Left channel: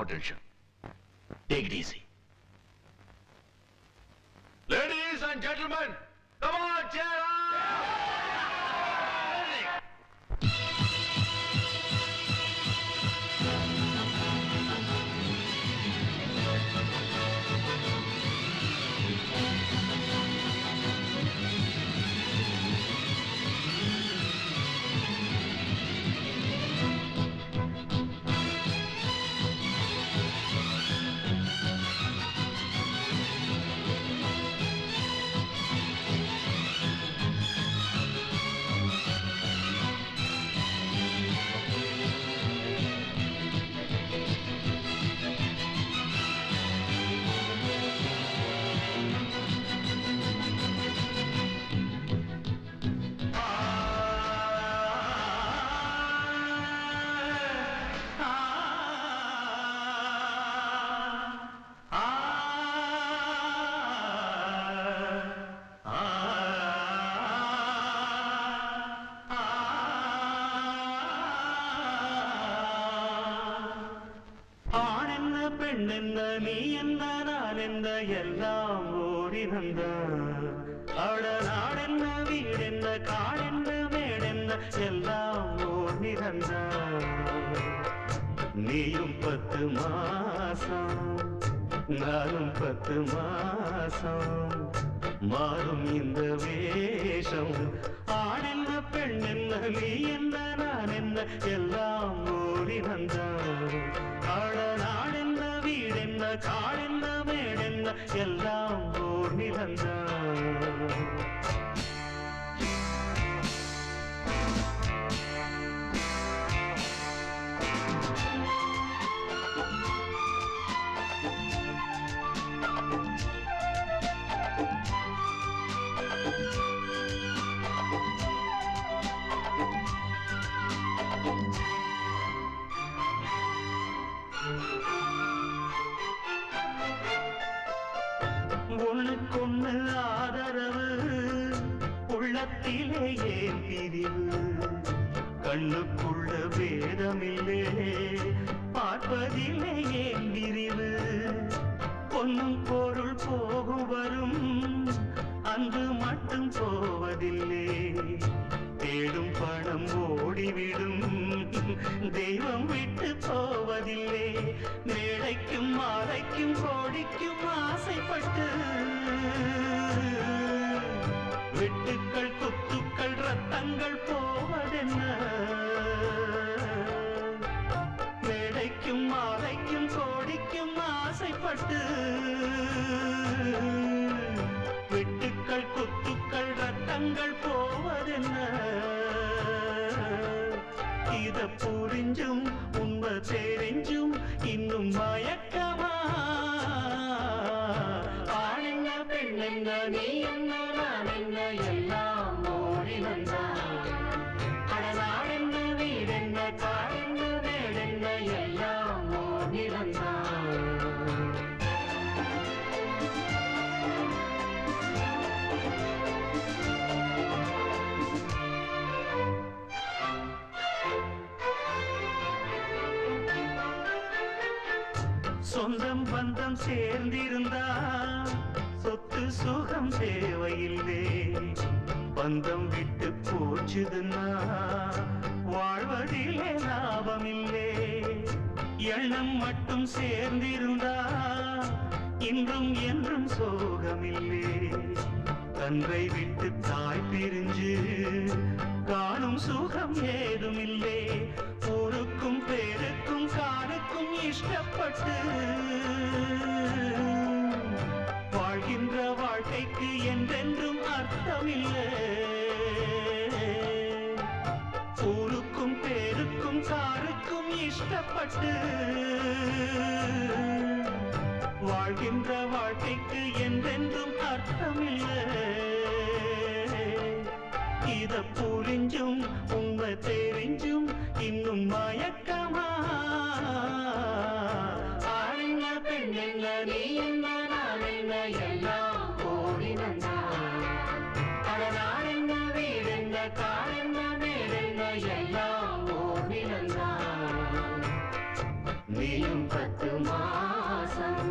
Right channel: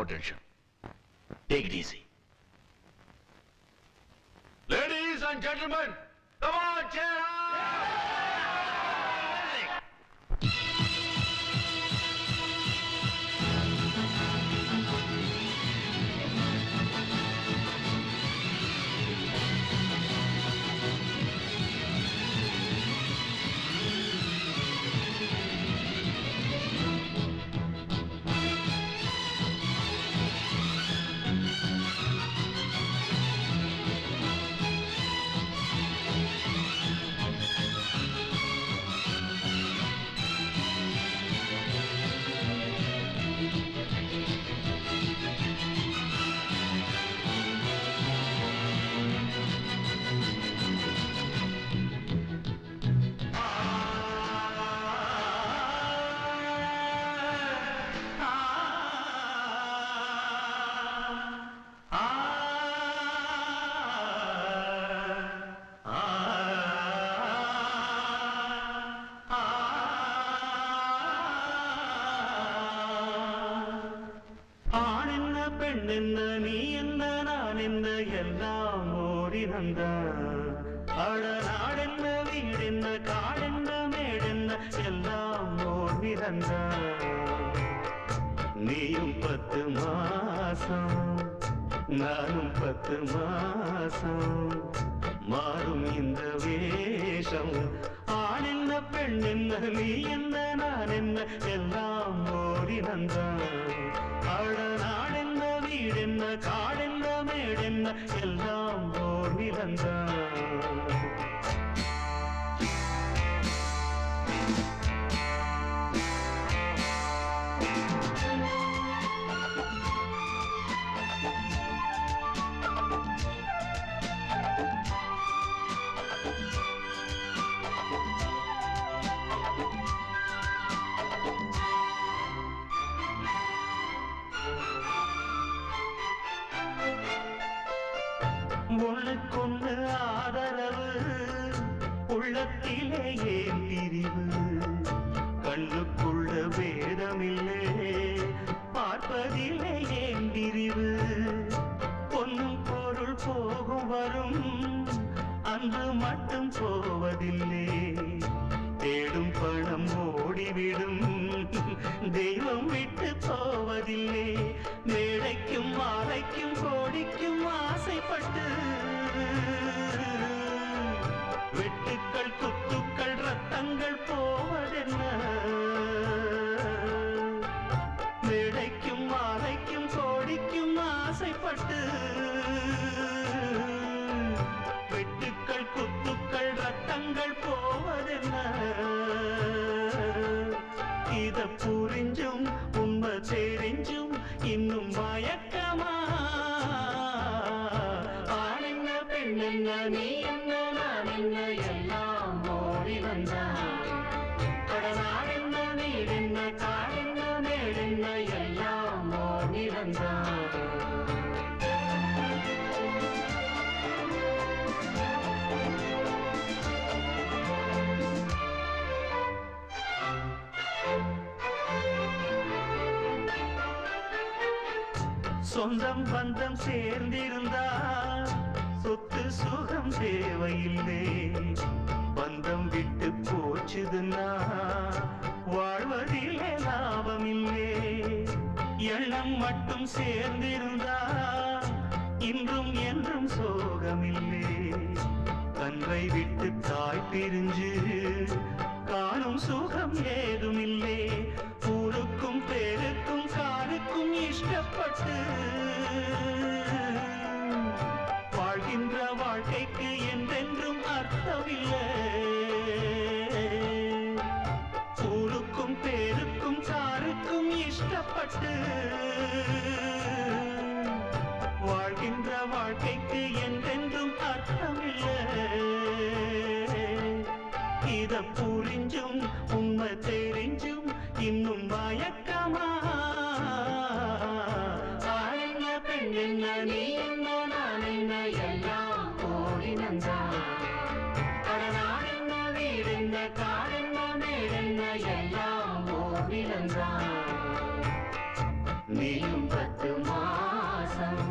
No tension. Take it easy. Ladies and gentlemen, come on, cheer up! நீயும் 10 மாசம் நானும் 10 மாசம் மாறும் இந்த வேஷம் ஆண் என்ன பெண் என்ன நீ என்ன நான் என்ன எல்லாம் ஓரினந்தான் அட நாடென்ன வீடென்ன காடென்ன மேடென்ன எல்லாம் ஓர் நிலந்தான் ஒண்ணுக்கொண்ணு ஆதரவு உள்ளத்திலே ஏன் பிரிவு கண்ணுக்குள்ள பேதமில்லே பார்ப்பதிலே ஏன் பிரிவு பொன்னும் பொருள் போகும் வரும் அன்பு மட்டும் போவதில்லை தேடும் பணம் ஓடிவிடும் தெய்வம் விட்டு போவதில்லை மேடைக்கும் மாலைக்கும் கோடிக்கும் ஆசைப்பட்டு வெட்டுக்கள் குத்துக்கள் ரத்தங்கள் போவதென்ன மேடைக்கும் மாலைக்கும் கோடிக்கும் ஆசைப்பட்டு வெட்டுக்கள் குத்துக்கள் ரத்தங்கள் போவதென்ன இத புரிஞ்சும் உண்மை தெரிஞ்சும் இன்னும் மயக்கமா ஆண் என்ன பெண் என்ன நீ என்ன நான் என்ன எல்லாம் ஓரினந்தான் கடநாடென்ன வீடென்ன காடென்ன மேடென்ன எல்லாம் ஓர் நிலந்தான் சொந்தம் பந்தம் சேர்ந்திருந்தா சொத்து சுகம் தேவையில்லை பந்தம் விட்டு போச்சுதுன்னா வாழ்வதிலே லாபமில்லை எண்ணம் மட்டும் சேர்ந்திருந்தா இன்றும் என்றும் சோகமில்லை கன்றை விட்டு தாய் பிரிஞ்சு காணும் சுகம் ஏதுமில்லை ஊருக்கும் பேருக்கும் காருக்கும் இஷ்டப்பட்டு வாழ்கின்ற வாழ்க்கைக்கு என்றென்றும் அர்த்தமில்லை ஊருக்கும் பேருக்கும் காருக்கும் இஷ்டப்பட்டு வாழ்கின்ற வாழ்க்கைக்கு என்றென்றும் அர்த்தமில்லை இத புரிஞ்சும் உண்மை தெரிஞ்சும் இன்னும் மயக்கமா ஆண் என்ன பெண் என்ன நீ என்ன நான் என்ன எல்லாம் ஓரினந்தான் கடநாடென்ன வீடென்ன காடென்ன மேடென்ன எல்லாம் ஓர் நிலந்தான் நீயும் 10 மாசம்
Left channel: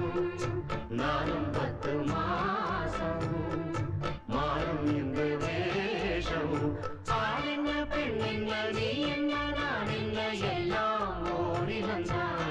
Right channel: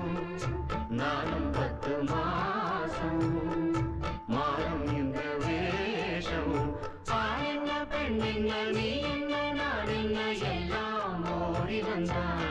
நானும் 10 மாசம் மாறும் இந்த வேஷம் ஆண் என்ன பெண் என்ன நீ என்ன நான் என்ன எல்லாம் ஓடி வந்தான்